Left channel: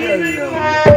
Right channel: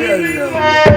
தெரிந்த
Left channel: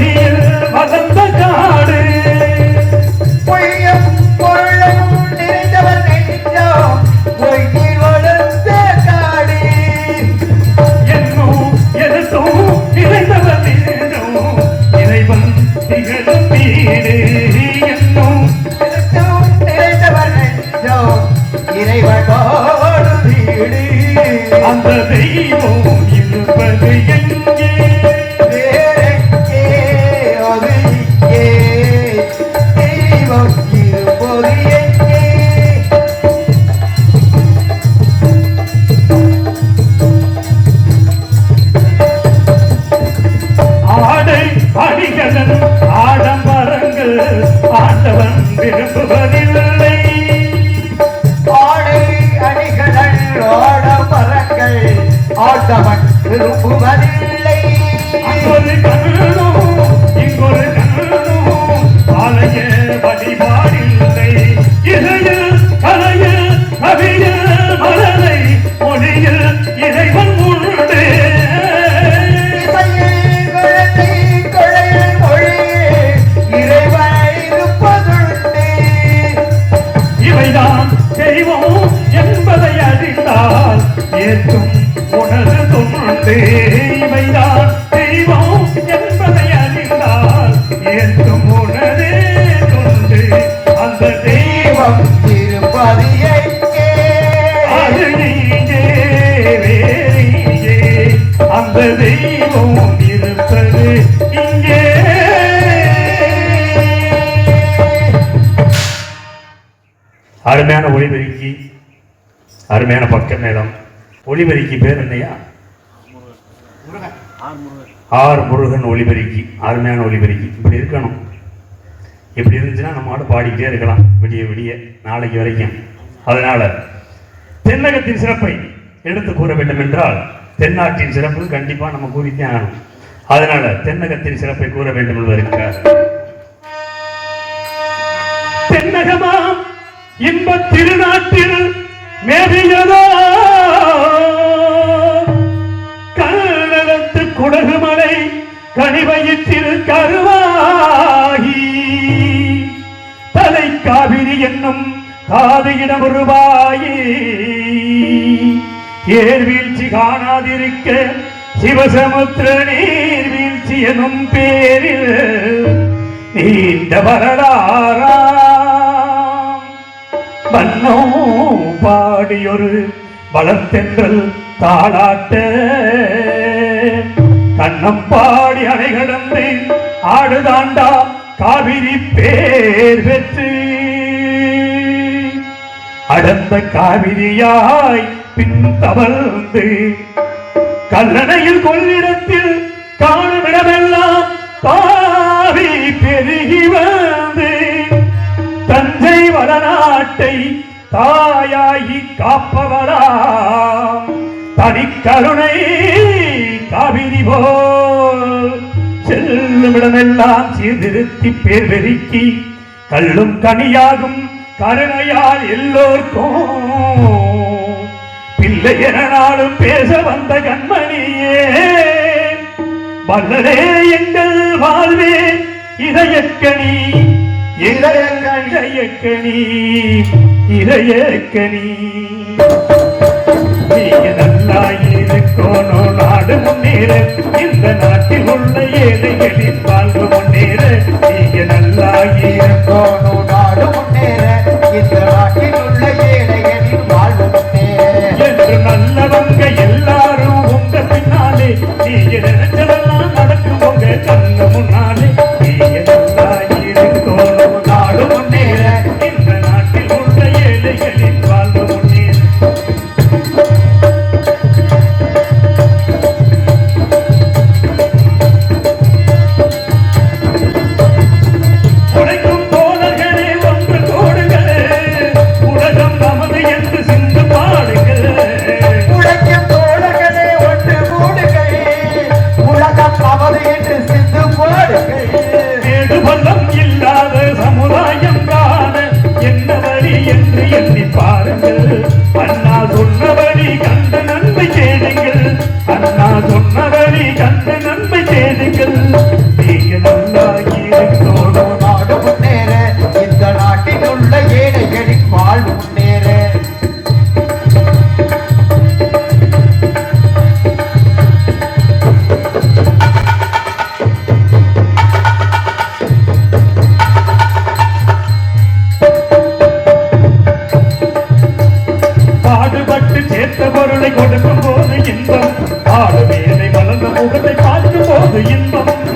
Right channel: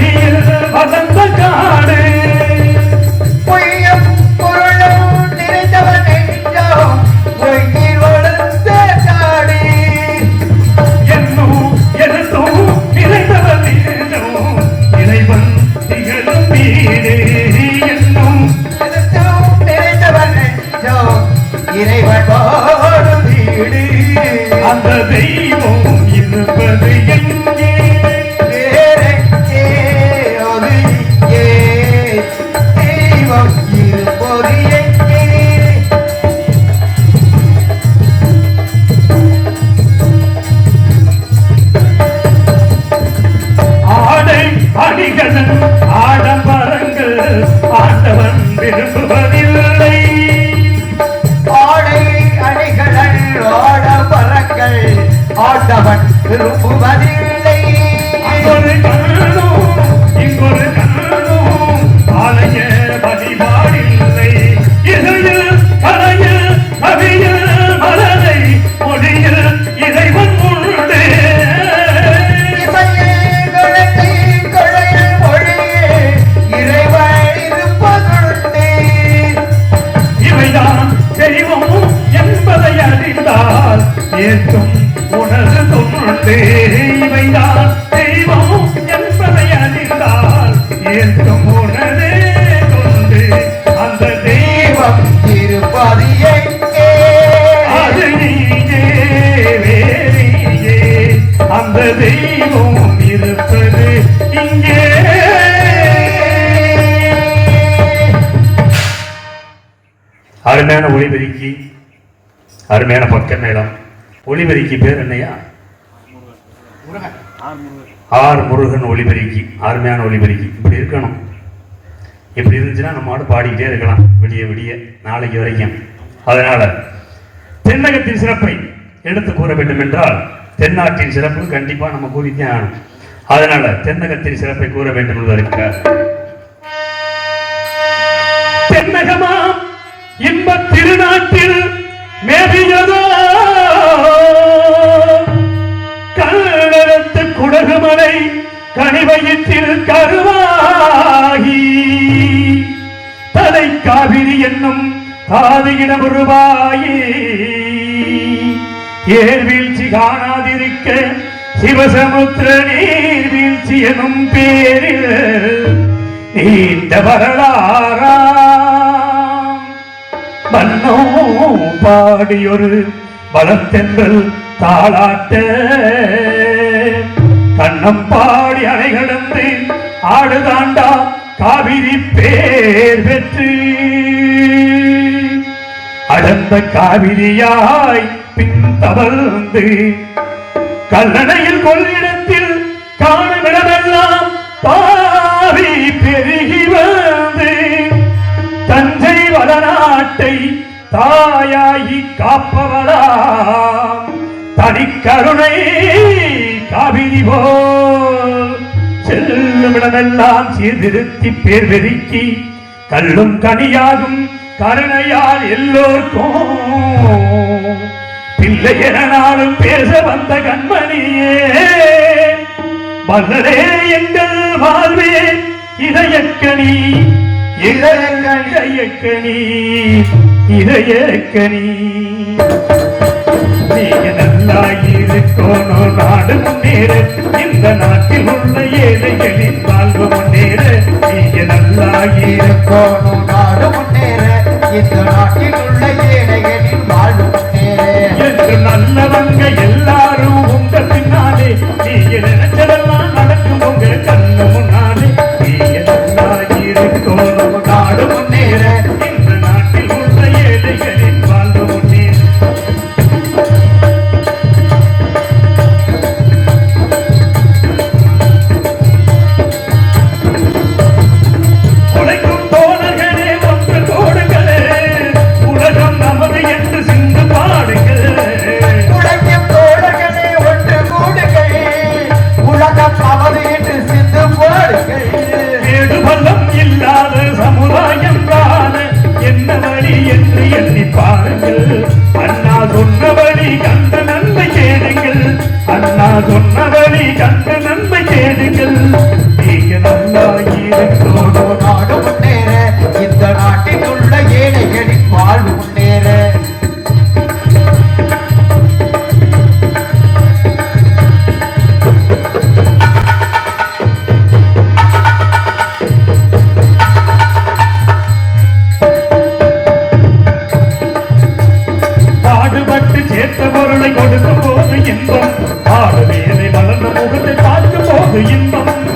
here. Bien, தெய்வம் இருப்பது இங்கே. அருமையான ஒளிபெருக்கி அருமையான பக்க மேளம். ஒளிபெருக்கி பேர் என்னையா? ஆர் முருகன் ஒளிபெருக்கி அருமையான ஒளிபெருக்கி. இப்படி இருக்கணும். இப்படி இருந்துச்சுன்னா நம்ம ஆடு பாடிக்கிட்டே இருக்கலாம். விடிய விடிய நாளைக்கு வரைக்கும். அதனால தென்னகத்தின் சிறப்பை எடுத்து கூற வேண்டும் என்றால் தென்னாட்டின் சிறப்பு கண்டிப்பா நம்ம கூறித்தே ஆகணும். அதனால தென்னகத்தின் சிறப்பை கூற வேண்டும் என்பதற்காக தென்னகமா இன்ப திருநாட்டில் மேவியதோ? கல்லடத்து குடகுமலை கனிவயிற்றில் கருவாகி. தலை காவிரி என்னும் காதியிட உருவாயி ஏர் வீழ்ச்சி காணா இருக்க சிவசமுத்திர நீர் வீழ்ச்சி எனும் பேரில் நீண்ட வரலாறா. மன்னோ பாடியொரு பலத்தென்றல் தாளாட்ட. கண்ணம் பாடி அணை கடந்து ஆடுதாண்டா காவிரி பேர் பெற்று. அடர்ந்த காவிரியாய் பின் தவழ்ந்து கல்லணையில் கொள்ளிடத்தில் காணுமிடமெல்லாம் தாவி பெருகி வந்து தஞ்சை வளநாட்டை தாயாகி காப்பவளா தனி கருணை காவிரி போல். செல்லுமிடமெல்லாம் சீர்திருத்தி பேர் பெருக்கி கல்லும் கனியாகும் கருணையால் எல்லோர்க்கும். பிள்ளை என நாளும் பேச வந்த கண்மணியே வல்லரே எங்கள் வாழ்வே இதயக்கணி இதயங்கள் இதயக்கணி இதயக்கணி நீங்க நல்லா இருக்கணும் நாடு முன்னேற இந்த நாட்டில் உள்ள ஏழைகளின் வாழ்வு முன்னேற. நீங்க நல்லா இருக்கணும் நாடு முன்னேற இந்த நாட்டில் உள்ள ஏழை கேட்ட பொருளை கொடுக்கும் போது இன்பம். ஆடு வேலை வளர்ந்த முகத்தை பார்க்கும் போது இன்பம்.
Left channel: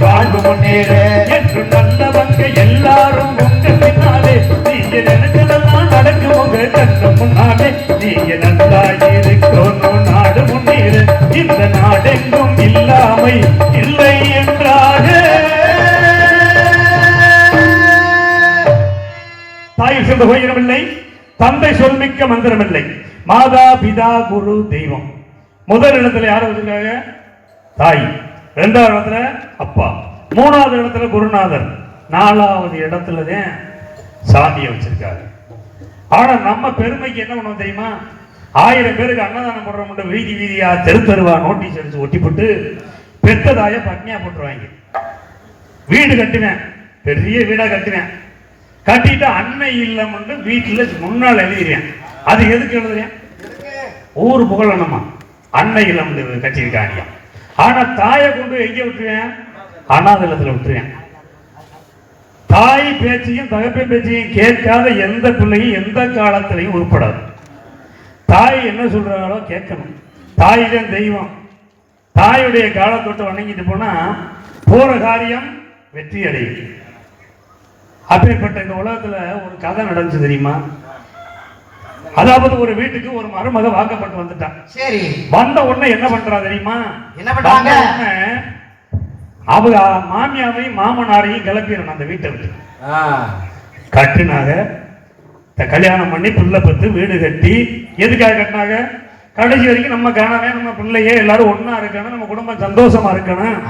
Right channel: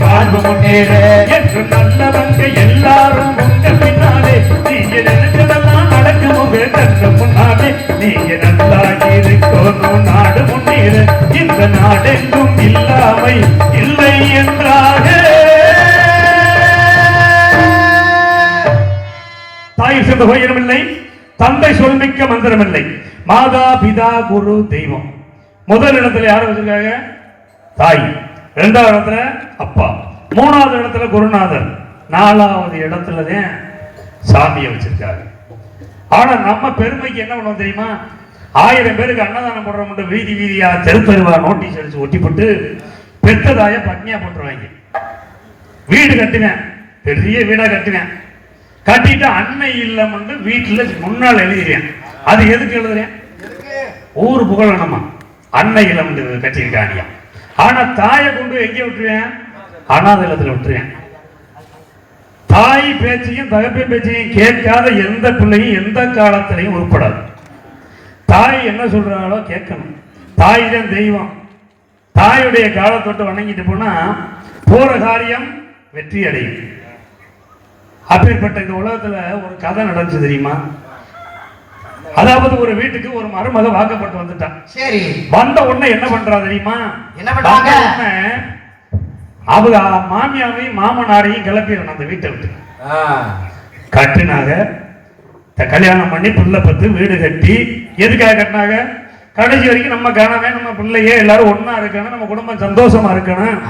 காது முன்னேற என்று நல்லவங்க எல்லாரும் உங்க பின்னாலே. நீங்க நினைச்சதெல்லாம் நடக்கும் உங்க கண்ணு முன்னாலே. நீங்க நல்லா இருக்கணும் நாடு முன்னேற இந்த நாடெங்கும் இல்லாமை இல்லை என்றாக. தாய் சென்று உயரமில்லை தந்தை சொல்மிக்க மந்திரமில்லை. மாதா பிதா குரு தெய்வம். முதல் இடத்துல யார் வச்சிருக்காங்க தாய். இரண்டாவது இடத்துல அப்பா. மூணாவது இடத்துல குருநாதர். நாலாவது இடத்துல தான் சாமியை வச்சிருக்காரு. ஆனா நம்ம பெருமைக்கு என்ன பண்ண தெரியுமா? ஆயிரம் பேருக்கு அன்னதானம் போடுற வீதி வீதியா தெரு தெருவா நோட்டீஸ் அடிச்சு ஒட்டி போட்டு பெத்ததாய பட்னியா போட்டுருவாங்க. வீடு கட்டுவேன் பெரிய வீடா கட்டுவேன் கட்டிட்டு அன்னை இல்லம்னு வீட்டுல முன்னால் எழுதிறேன் அது எதுக்கு எழுதுறேன்? ஊர் புகழணுமா? அன்னை இல்லம் கட்டியிருக்காங்க. ஆனா தாயை கொண்டு எங்கே விட்டுருவேன்? அனாதலத்துல விட்டுருவேன் தாய் பேச்சையும் தகப்பை பேச்சையும் கேட்காத எந்த பிள்ளையும் எந்த காலத்திலையும் உருப்படாது. தாய் என்ன சொல்றாங்களோ கேட்கணும். தாய் தான் தெய்வம். தாயுடைய காலத்தொட்டு வணங்கிட்டு போனா போற காரியம் வெற்றி அடையும். அப்பேற்பட்ட இந்த உலகத்துல ஒரு கதை நடந்துச்சு தெரியுமா? அதாவது ஒரு வீட்டுக்கு ஒரு மருமக வாக்கப்பட்டு வந்துட்டான் சரி. வந்த உடனே என்ன பண்றா தெரியுமா? என்ன பண்றாங்க? அவங்க மாமியாவையும் மாமனாரையும் கிளப்பிடணும் அந்த வீட்டை விட்டு. கட்டினாங்க. கல்யாணம் பண்ணி புள்ள பத்து வீடு கட்டி. எதுக்காக கட்டினாங்க? கடைசி வரைக்கும் நம்ம காணவே நம்ம பிள்ளையே எல்லாரும் ஒண்ணா இருக்கணும் நம்ம குடும்பம் சந்தோஷமா இருக்கணும்.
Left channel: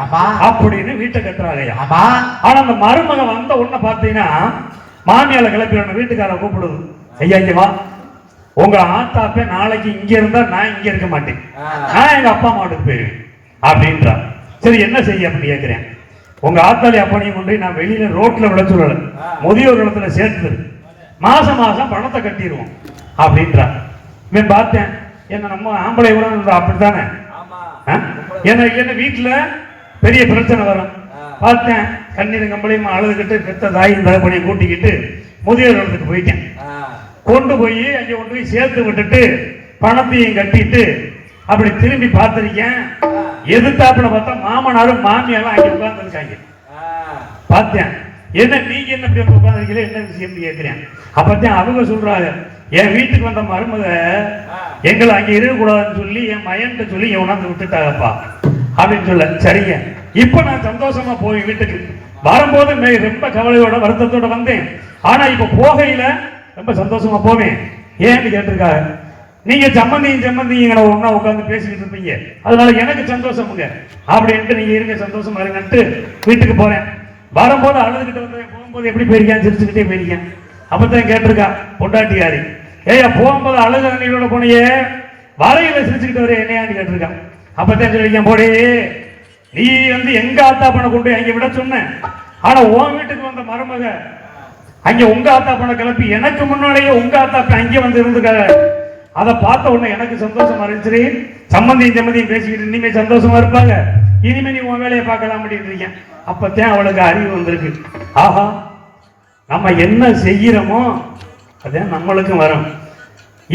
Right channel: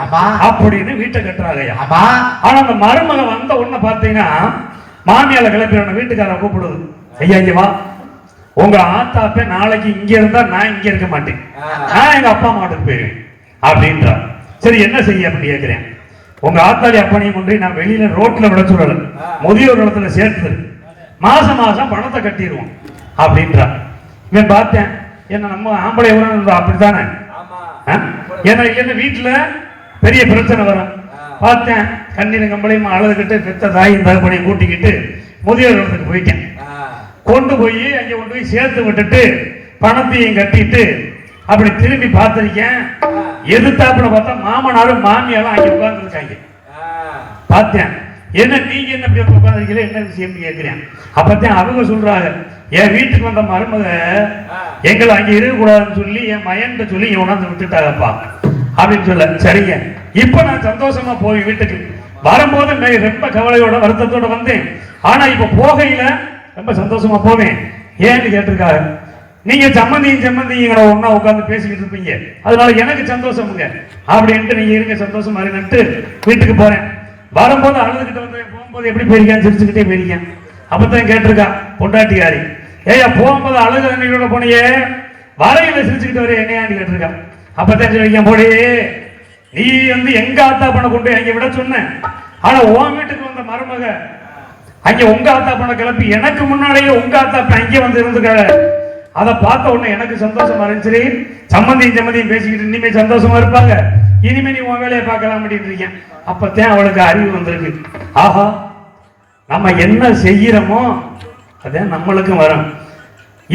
அப்படின்னு வீட்டை கட்டுறாங்கய்யா ஆமா. ஆனா அந்த மருமக வந்த உடனே பார்த்தீங்கன்னா மாமியால கிளப்பிடணும் வீட்டுக்கார கூப்பிடுது. ஐயா இங்க வா. உங்க ஆத்தாப்பே நாளைக்கு இங்க இருந்தா நான் இங்க இருக்க மாட்டேன். நான் எங்க அப்பா அம்மாவோட போயிருவேன். அப்படின்றா. சரி என்ன செய்ய அப்படி கேட்கிறேன். உங்க ஆத்தாளி அப்பனையும் கொண்டு நான் வெளியில ரோட்ல விட சொல்லல. முதியோர் இடத்துல சேர்த்து மாசம் மாசம் பணத்தை கட்டிடுவோம் அப்படின்றான் இவன் பார்த்தேன் என்ன நம்ம ஆம்பளை எவ்வளோ அப்படித்தானே? ஆ? ஏன்னா என்ன வீட்டில் பெரிய பிரச்சனை வரும். பார்த்தேன் கண்ணீர் கம்பளையும் அழுதுகிட்டு பெத்த தாயும் தகப்பனையும் கூட்டிக்கிட்டு முதியோர் இடத்துக்கு போயிட்டேன். கொண்டு போய் அங்கே கொண்டு போய் சேர்த்து விட்டுட்டு பணத்தையும் கட்டிட்டு அப்படி திரும்பி பார்த்துருக்கேன். எதிர்த்தாப்புல பார்த்தா மாமனாரும் மாமியாரும் அங்க உட்கார்ந்துருக்காங்க. பார்த்தேன். என்ன நீங்க என்ன இப்படி உட்கார்ந்துருக்கீங்க? என்ன விஷயம் கேட்கிறேன். அப்பதான் அவங்க சொல்றாங்க என் வீட்டுக்கு வந்த மருமக எங்களை அங்க இருக்கக்கூடாதுன்னு சொல்லி என் மயன்கிட்ட சொல்லி உணர்ந்து விட்டுட்டாங்கப்பா. அப்படின்னு சொல்ல சரிங்க. இப்ப நான் சந்தோஷமா போய் வீட்டுக்கு வரும்போது ரொம்ப கவலையோட வருத்தத்தோட வந்தேன். ஆனா இப்ப போகையில ரொம்ப சந்தோஷமா போவேன். ஏன்னு கேட்டிருக்காங்க. நீங்க சம்மந்தியும் சம்மந்தியும் ஒன்றா உட்காந்து பேசிக்கிட்டு இருப்பீங்க. அதனால எனக்கு சந்தோஷமுங்க. அப்படின்ட்டு நீங்க இருங்க சந்தோஷமா இருங்கன்ட்டு வீட்டுக்கு போறேன். வரும்போது அழுதுகிட்டு வந்தேன் போகும்போது எப்படி போயிருக்கேன்? சிரிச்சுக்கிட்டே போயிருக்கேன். அப்பதான் கேட்டிருக்கா பொண்டாட்டியாரி. ஏய்யா போகும்போது அழுது அண்ணியோட போனியே. வரையில சிரிச்சுக்கிட்டு வரைய என்னையான்னு கேட்டிருக்கான் அப்பதான் சொல்லிருக்கேன் போடே நீ வந்து எங்க ஆத்தா பண்ண கொண்டு போய் அங்க விட சொன்ன? ஆனா உன் வீட்டுக்கு வந்த மருமக அங்க உங்க ஆத்தா பண்ண கிளப்பி எனக்கு முன்னாடியே உங்க ஆத்தா அங்கே வந்து இருந்துக்காங்க அதை பார்த்த உடனே எனக்கு சந்தோஷமா இருந்துச்சு. சம்மந்தியும் சம்மந்தியும் பேசிக்கிட்டு இனிமே சந்தோஷமா இருப்பாங்க. இனிமே நீ உன் வேலையை பார்க்கலாம் அப்படின்னு இருக்கேன். அப்பத்தான் அவளுக்கு அறிவு வந்திருக்கு. ஆஹா நம்ம என்ன செய்யறோமோ அதான் நம்மளுக்கும் வரும்.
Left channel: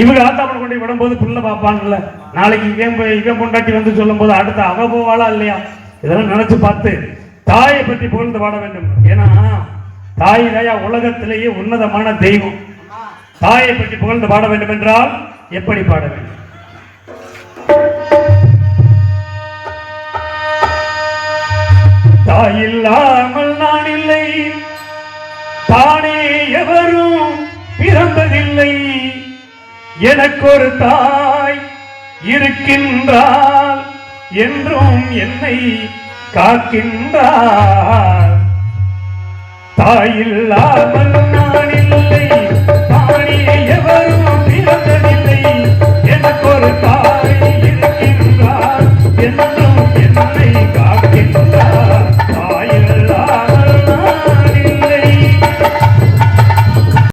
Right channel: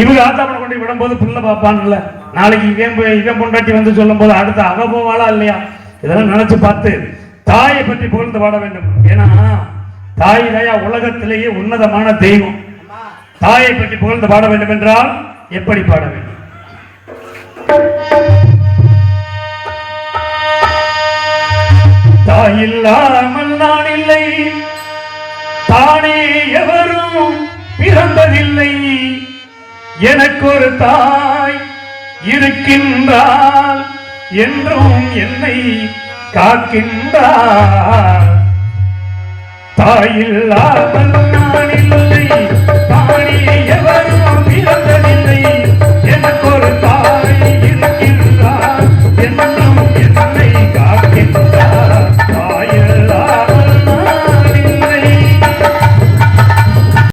இவங்க ஆத்தாப்பில் கொண்டு விடும்போது பிள்ளை பார்ப்பான்ல. நாளைக்கு இவன் இவன் கொண்டாட்டி வந்து சொல்லும் போது அடுத்து அவ போவாளா இல்லையா? இதெல்லாம் நினைச்சு பார்த்து தாயை பற்றி புகழ்ந்து பாட வேண்டும். ஏன்னா தாய் தாயா உலகத்திலேயே உன்னதமான தெய்வம். தாயை பற்றி புகழ்ந்து பாட வேண்டும் என்றால் எப்படி பாட வேண்டும்? தாயில்லாமல் நான் இல்லை. தானே எவரும் பிறந்ததில்லை. எனக்கு ஒரு தாய் இருக்கின்றாள் என்றும் என்னை காக்கின்றார் தாயில்லாமல்